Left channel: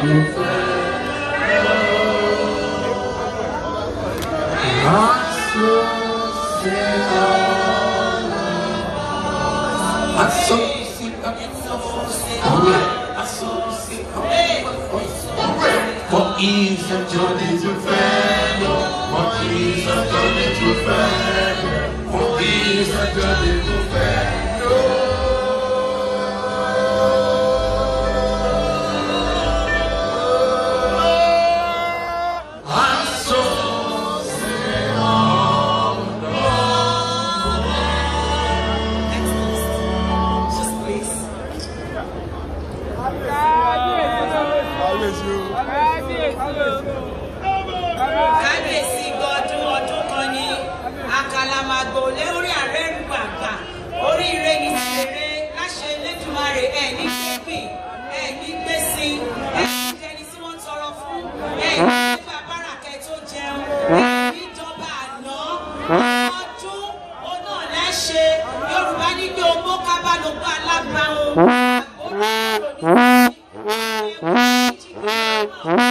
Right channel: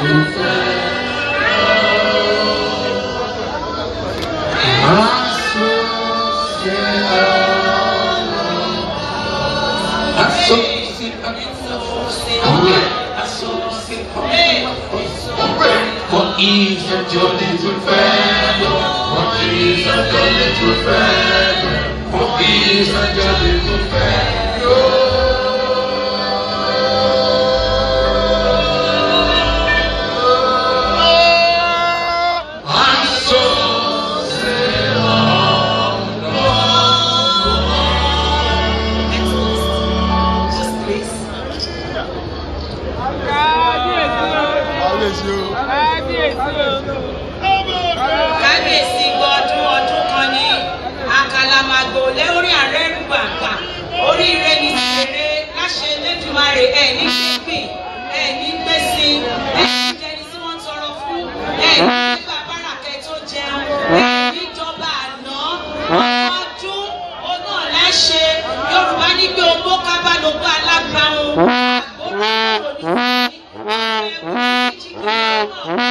vous faire. For ease and journey to fair, for ease and journey to fair, for ease and journey to fair. Kábíyèsí gbọdún ọdún kan ní àkàlàmàgbò lórí ààrẹ rúgbàgbà oríire ní ṣeré láṣẹ Elédùmarè ẹni gbẹgbìn ẹni gbèsè ẹni jẹni tí wọ́n tọrọ fún ẹni nígbà báràkẹ tó jẹun ẹni ìjọba àná ọdún ọ̀nà láṣẹ Yorùbá ní pé ogbó kábàlógbó alágbàrún àgbóró òní.